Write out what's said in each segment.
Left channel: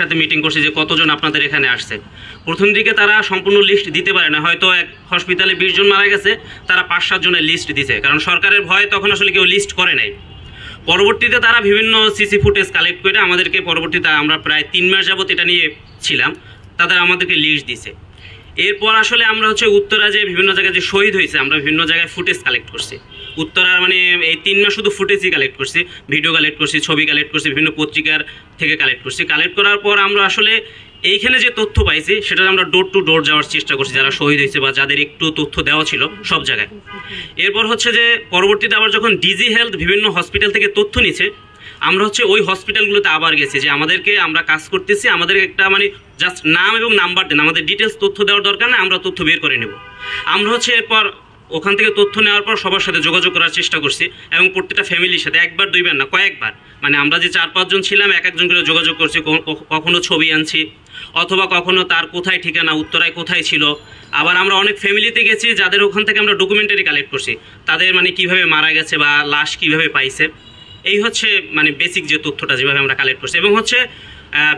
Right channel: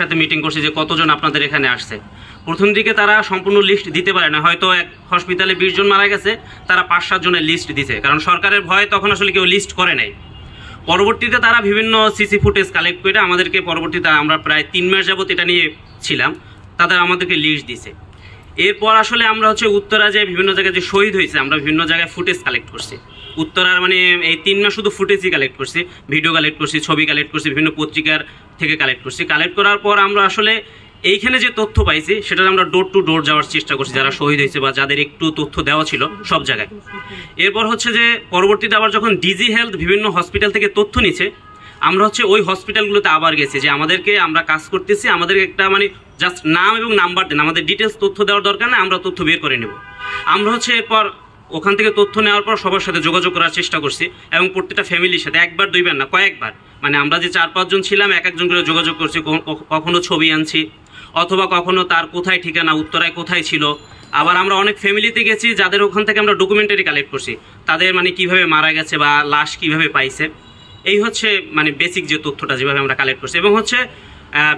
সাথে মিটিং করছি যে কতজন আপনাদের এখানে আসছে। প্রথম দিকে তারা সম্পূর্ণ লিস্ট দিতে পারে না, হয়তো এক হসপিটালে 20 জন মারা গেছে, তারা 5-7 জনের লিস্ট দিছে, কারণ সরকারের ভয়ে তখন আসলে কেউ লিস্ট করে নাই। পরবর্তীতে তারা বিভিন্ন সিসি ফুটেজ কালেক্ট করে আমাদেরকে, পরবর্তীতে আমরা প্রায় 3 মাস যাবত এটা নিয়ে ছিলাম, তাদের আমাদেরকে লিস্ট দিছে। এরপর আসলে আমরা উত্তরা যে বিভিন্ন জায়গায় যে শহীদ হয়েছে, আমরা বিভিন্ন জায়গায় ফুটেজ কালেক্ট করছি। উত্তরার মানে এই 3 মাস শুধু ফুটেজই কালেক্ট করছি, ভিডিও কালেক্ট করছি, ছবি কালেক্ট করছি, বিভিন্ন পত্রিকার থেকে কালেক্ট করছি। কালেক্ট করার পর আমরা আসলে এইখানে যে তথ্য পাইছি সেটা আমরা ডোর টু ডোর যাওয়ার চেষ্টা করছি, যারা শহীদ হয়েছে বা যাদের একটু তথ্য দেওয়া ছিল সব জায়গায়। এরপর যে পরবর্তীতে আবার যখন ডিজি হেলথ বিভিন্ন হসপিটাল থেকে তথ্য নিচ্ছে, আমরা ওই হসপিটালগুলোতে আবার গেছি যে আমাদেরকে, আমরা কাজ করতেছি, আমাদের একটা মানে জাস্ট নাম এবং নাম্বার দেন, আমাদের ডিটেলস তথ্য দেওয়ার দরকার না, আমরা তথ্য বের করে নেব। আমরা এরপর ওখান থেকে তথ্য নেওয়ার পর সবার সাথে যোগাযোগ করার চেষ্টা করছি, এবং প্রত্যেকটা ফ্যামিলির সাথে একবার দুইবার না, কয়েকবার, মানে আমরা যে 4-5 জন ছিলাম এক একজন করে যোগাযোগ করছি, কখনো ছবি আনছি, অথবা কখনো তার কোথায় ঠিকানা, উত্তরায় কোথায় ছিল। আবার আমরা অনেক ফ্যামিলিতে গেছি যাদের ওখান থেকে আমরা ডকুমেন্টারি কালেক্ট করছি, তাদের মানে কিভাবে মারা গেছে বা লাশ কিভাবে পাইছে। এই মানে বেসিক যে তথ্যটা যেভাবে আমরা কালেক্ট করছি। এবং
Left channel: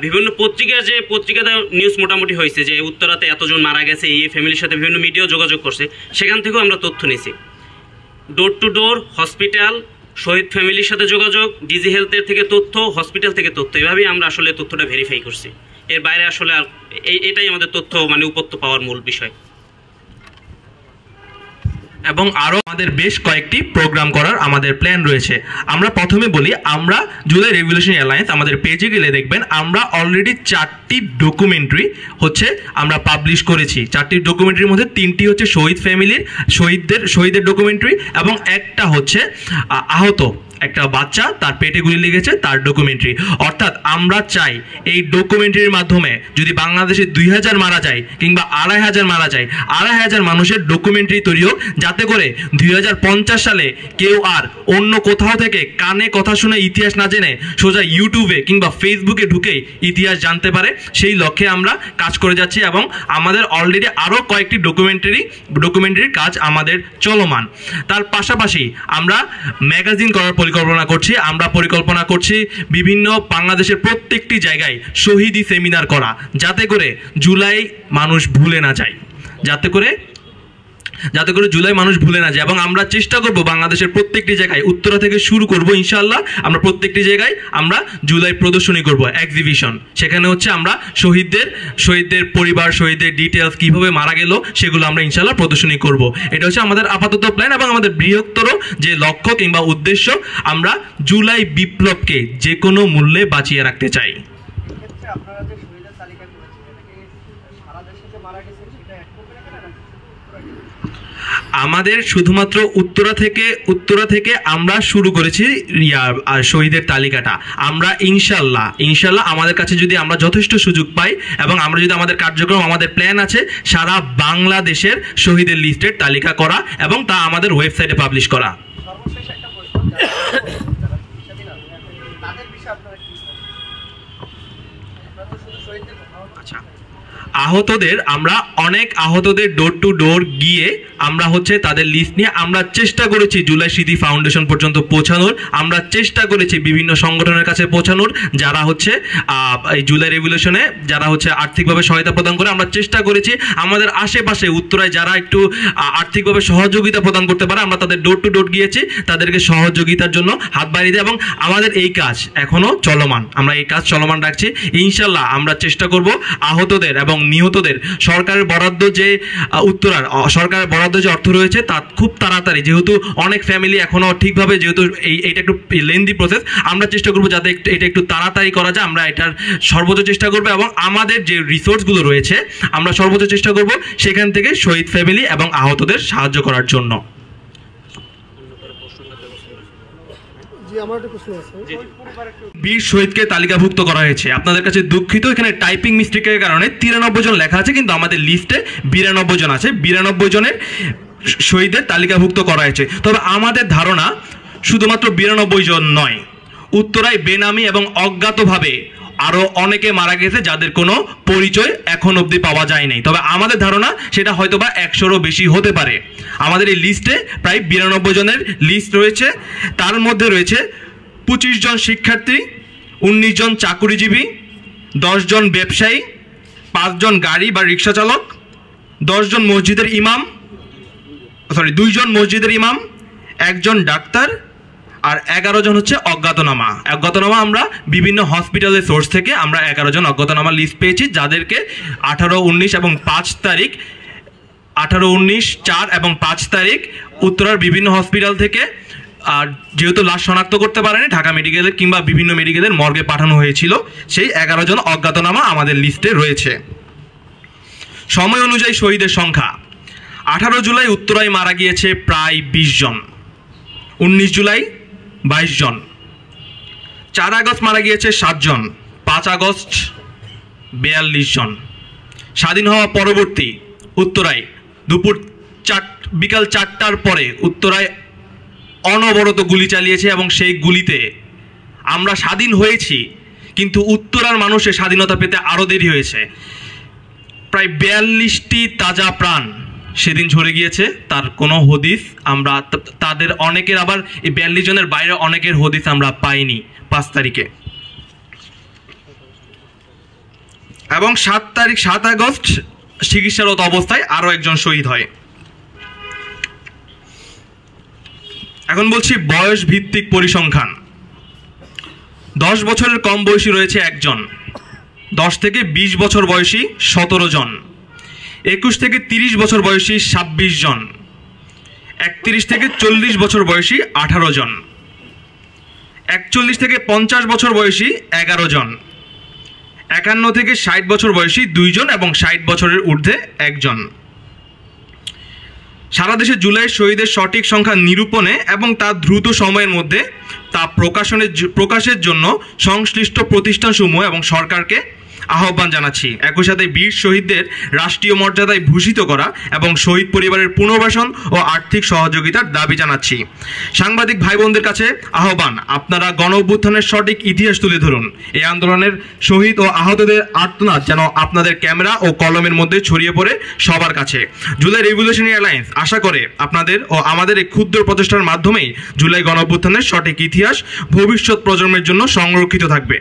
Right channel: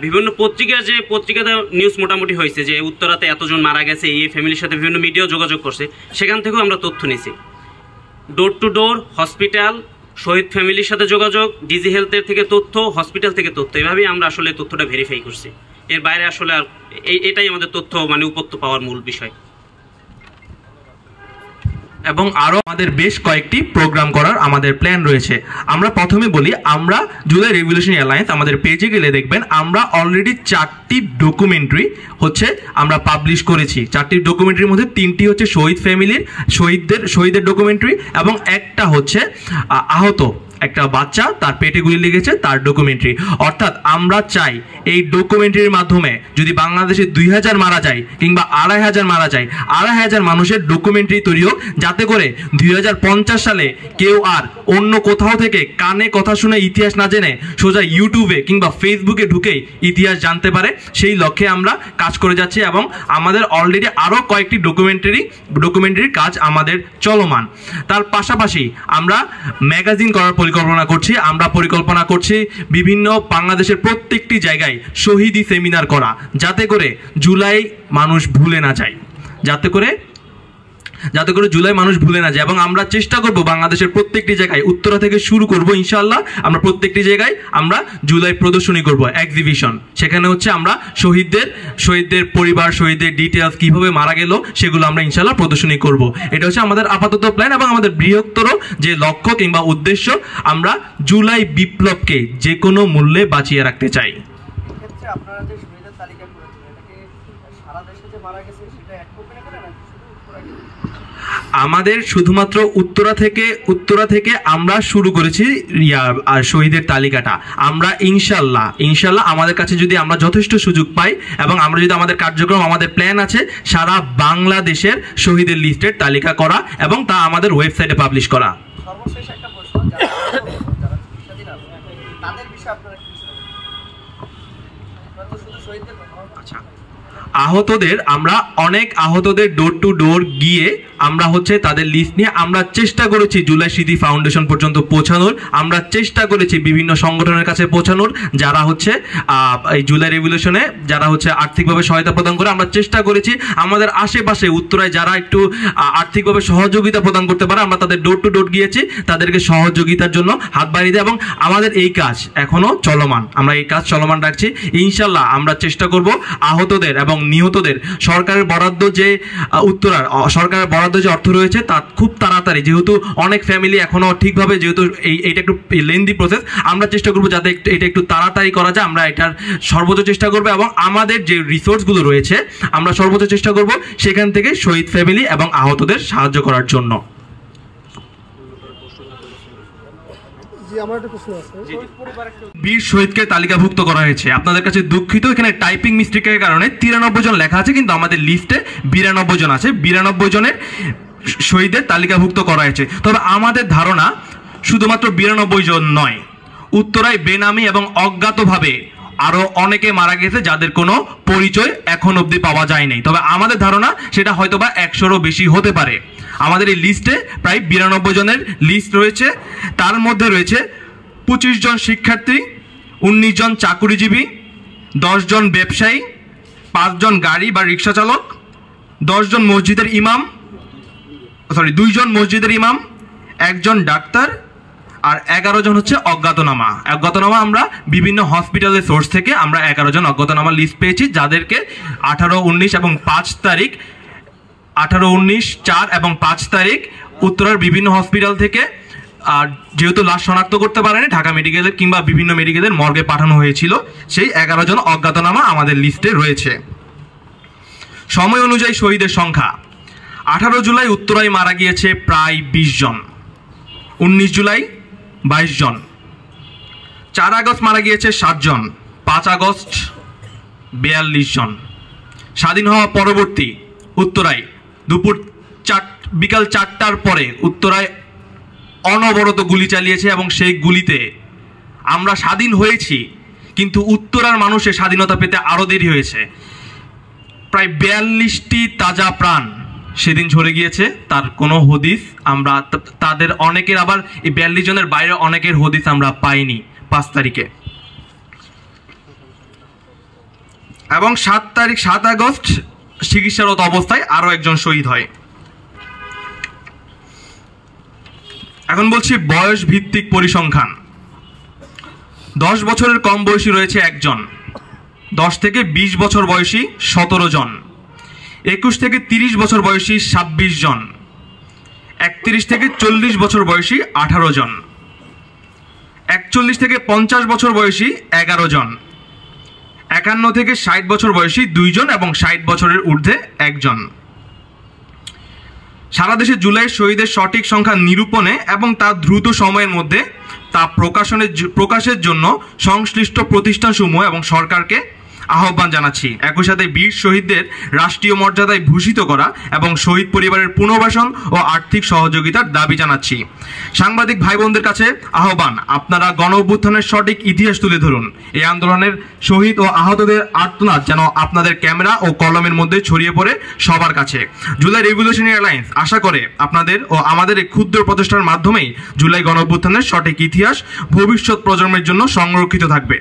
বিভিন্ন পত্রিকার যে পত্রিকাতে নিউজ মোটামুটি হয়েছে যে উত্তরাতে এতজন মারা গেছে, এই ফ্যামিলির সাথে বিভিন্ন মিডিয়াও যোগাযোগ করছে, সেখান থেকেও আমরা তথ্য নিয়েছি। ডোর টু ডোর, হসপিটাল, শহীদ ফ্যামিলির সাথে যোগাযোগ, ডিজি হেলথের থেকে তথ্য, হসপিটাল থেকে তথ্য, এভাবেই আমরা আসলে তথ্যটা ভেরিফাই করছি। এর বাইরে আসলে আর এটাই আমাদের তথ্য মানে উপত্য পাওয়ার মূল বিষয়। এবং আরও আমাদের বেশ কয়েকটি প্রোগ্রাম করার আমাদের প্ল্যান রয়েছে। আমরা প্রথমে বলি, আমরা জুলাই রেভলিউশন অ্যালায়েন্স আমাদের পেজে গেলে দেখবেন আমরা অলরেডি 4টি ডকুমেন্টারি আমরা পাবলিশ করেছি। 4টি ডকুমেন্টারির মধ্যে 3টি শহীদ ফ্যামিলির, শহীদের ডকুমেন্টারি, এবং একটা আহত একটা বাচ্চা, তার পেটে গুলি লেগেছে, তার ডকুমেন্টারি। অর্থাৎ আমরা চাই এই ডকুমেন্টারির মাধ্যমে যদি বাংলাদেশে 2000 মারা যায় কিংবা 2500 মারা যায়, 2500 মানুষের ডকুমেন্টারি তৈরি হোক, যাতে করে 2050 সালে কেউ আর অন্য কোথাও থেকে কানে কথা শুনে ইতিহাস না জেনে সোজা ইউটিউবে কিংবা ফেসবুকে ঢুকে ইতিহাস জানতে পারে। সেই লক্ষ্যে আমরা কাজ করে যাচ্ছি, এবং আমাদের অলরেডি আরও কয়েকটি ডকুমেন্টারির কাজ আমাদের চলমান। তার পাশাপাশি আমরা ম্যাগাজিন করার পরিকল্পনা করছি বিভিন্ন বাংলাদেশের প্রত্যেকটি জায়গায় শহীদি সেমিনার করা, যাতে করে জুলাই মানুষ ভুলে না যায়, এবং আমরা চেষ্টা করব বাংলাদেশের প্রত্যেকটি জায়গায়, উত্তরা থেকে শুরু করব ইনশাআল্লাহ, আমরা প্রত্যেকটি জায়গায় আমরা জুলাই প্রদর্শনী করব, এক্সিবিশন। সেখানে আমরা শহীদদের পরিবার, শহীদদের ডিটেলস, কিভাবে মারা গেল, সেগুলো আমরা ইনশাআল্লাহ প্রদর্শনী করব। এটা আমাদের আপাতত প্ল্যান, এবং আমাদের বৃহত্তর যে লক্ষ্য কিংবা উদ্দেশ্য, আমরা জুলাই বিপ্লবকে যে কোনো মূল্যে বাঁচিয়ে রাখতে চাই। আমাদের শুধুমাত্র উত্তরা থেকে আমরা শুরু করেছি শহীদের তালিকাটা। আমরা ইনশাল্লাহ আমাদের কাছে যদি আমরা যথেষ্ট সুযোগ পাই, এবং আমরা যদি আমাদের কার্যক্রম, আমাদের প্ল্যান আছে সারা বাংলাদেশের শহীদের লিস্টের তালিকা করা, এবং তা আমাদের ওয়েবসাইটে পাবলিশ করা। আহতদের আমরা অনেক আহতদের ডোর টু ডোর গিয়ে আমরা তাদের লিস্ট নিয়ে আমরা চেষ্টা করেছি জুলাই স্মৃতি ফাউন্ডেশন পর্যন্ত পৌঁছানোর, আমরা চেষ্টা করেছি বিভিন্ন সংগঠনের কাছে পৌঁছানোর, যারা এই জুলাই রেভলিউশনে যারা আর্থিকভাবে সহায়তা প্রদান করে। আমরা চেষ্টা করেছি আমাদের আশেপাশে উত্তরায় যারা একটু আর্থিকভাবে সহযোগিতা প্রদান করতে পারে, আমরা তাদের ডোর টু ডোর গিয়েছি, তাদেরকে সহযোগিতার জন্য হাত বাড়িয়ে দেয়, এবং আমাদের এই কাজ এখনো চলমান, আমরা এই কাজ চলমান রাখছি। ইনশাল্লাহ আমরা চেষ্টা করব আহতদের এবং নিহতদের সরকারের বরাদ্দ যে সরকারের বরাদ্দ যে অর্থ রয়েছে, তা খুব তাড়াতাড়ি, যেহেতু অনেক ফ্যামিলি এখনো ঠিকভাবে, যেহেতু এইটা একটু লেন্দি প্রসেস, আমরা চেষ্টা করবো যাতে এটা একটু তাড়াতাড়ি করা যায়। আমরা এটার সর্বোচ্চ চেষ্টা করবো, এবং আমাদের যে রিসোর্সগুলো রয়েছে আমরা সর্বোচ্চ চেষ্টা করব সেখান থেকে শহীদ ফ্যামিলি এবং আহতদের সাহায্য করার জন্য। বীর শহীদকে তালিকাভুক্ত করা হয়েছে। আপনাদের কাছে দুঃখিত, এখানে টাইপিং মিস্টেকের কারণে 93 জন লেখা আছে, কিন্তু আমাদের লিস্টে 92 জন আছে। 92 জনের শহীদের তালিকাভুক্ত করা হয়েছে। তবে আমাদের ধারণা শুধুমাত্র 92 জন নয়, উত্তরায় বেনামি এবং অজ্ঞাতভাবে আরো অনেকে মারা গেছে যাদের কোনো পরিচয় এখন অবধি পাওয়া যায় নাই। তবে আমাদের ধারণা সেটা হয়তোবা 100-রও বেশি হতে পারে। আমাদের এই লিস্টে প্রায় 92 জনের লিস্ট রয়েছে। তার মধ্যে রয়েছে 25 জন শিক্ষার্থী, 19 জন চাকুরিজীবী, 10 জন ব্যবসায়ী, 5 জন গাড়ি বা রিক্সা চালক, 2 জন মসজিদের ইমাম, 1 জন ডাক্তার, আর 11 জন হচ্ছে অজ্ঞাতনামা। অজ্ঞাতনামা আমরা বিভিন্ন হসপিটালের সোর্স থেকে আমরা 11 জন অজ্ঞাতনামা লিস্ট পেয়েছি, যাদেরকে 18, 19 এবং 5 তারিখ 18, 19, 4 এবং 5 তারিখ উত্তরার বিভিন্ন হসপিটাল থেকে, আর যেহেতু লাশ শনাক্ত করতে পারেনি, ঢাকা মেডিকেলের কিংবা বিভিন্ন মেডিকেলের মর্গে পাঠানো হয়েছিল, সেই 11 জন অজ্ঞাতনামা আমাদের লিস্টে রয়েছে। সময় অনুযায়ী শহীদের সংখ্যা: 18 জুলাই উত্তরায় মারা গিয়েছে প্রায় 20 জন, 19 জুলাই 22 জন, 4 আগস্ট মারা গিয়েছে 7 জন, 5 আগস্ট 42 জন। স্বাধীন হওয়া পরবর্তী উত্তরায় বিকাল 4টার পরে উত্তরায় অনবরত গুলি চালিয়েছে, এবং সেই গুলিতে আমরা স্বাধীন হয়েছি, কিন্তু উত্তরার মানুষের স্বাধীনতা পেতে আরও দেরি হয়েছে। প্রায় 42টি তাজা প্রাণ সেদিন ঝরে গিয়েছে, তার কোনো হদিস আমরা তাদের অনেকের, আবার এই 42 জনের বাইরে অনেকের হদিস আমরা পাইনি 5 তারিখে। এবং 7 আগস্ট চিকিৎসারত অবস্থায় আরও একজন শহীদ হয়। এখন বলছি বয়স ভিত্তিক পরিসংখ্যান। 10 বছরের কম বয়সী রয়েছে 1 জন, 10 থেকে 20 বছর বয়সী 17 জন, 21 থেকে 30 বছর বয়সী 26 জন, 31 থেকে 40 বছর বয়সী 18 জন, 41 থেকে 50 বছর বয়সী 11 জন, 51 থেকে 60 বছর বয়সী 2 জন এবং 60 বছরের ঊর্ধ্বে 1 জন। সারা দেশে জুলাই শহীদের সঠিক সংখ্যা নিরূপণে এবং তা দ্রুত সময়ের মধ্যে তা প্রকাশের জন্য সংশ্লিষ্ট প্রতিষ্ঠানসমূহ এবং সরকারকে আহ্বান জানাচ্ছি। একই সাথে বীর শহীদদের রাষ্ট্রীয় মর্যাদায় ভূষিত করা এবং শহীদ পরিবারের পুনর্বাসন ও আর্থিক সহযোগিতার দাবি জানাচ্ছি। সাংবাদিক ভাই বোনদের কাছে আহ্বান, আপনারা গণ অভ্যুত্থানের সঠিক ইতিহাস তুলে ধরুন। এই আন্দোলনের শহীদ ও আহতদের আর্তনাদ যেন আপনাদের ক্যামেরা ও কলমের মধ্যে ছড়িয়ে পড়ে সবার কাছে। জুলাই রেভলিউশনারি অ্যালায়েন্স আশা করে আপনাদের ও আমাদের এই ক্ষুদ্র প্রচেষ্টার মাধ্যমেই জুলাই গণ অভ্যুত্থানের সঠিক ইতিহাস ভবিষ্যৎ প্রজন্মের জন্য সংরক্ষিত থাকবে।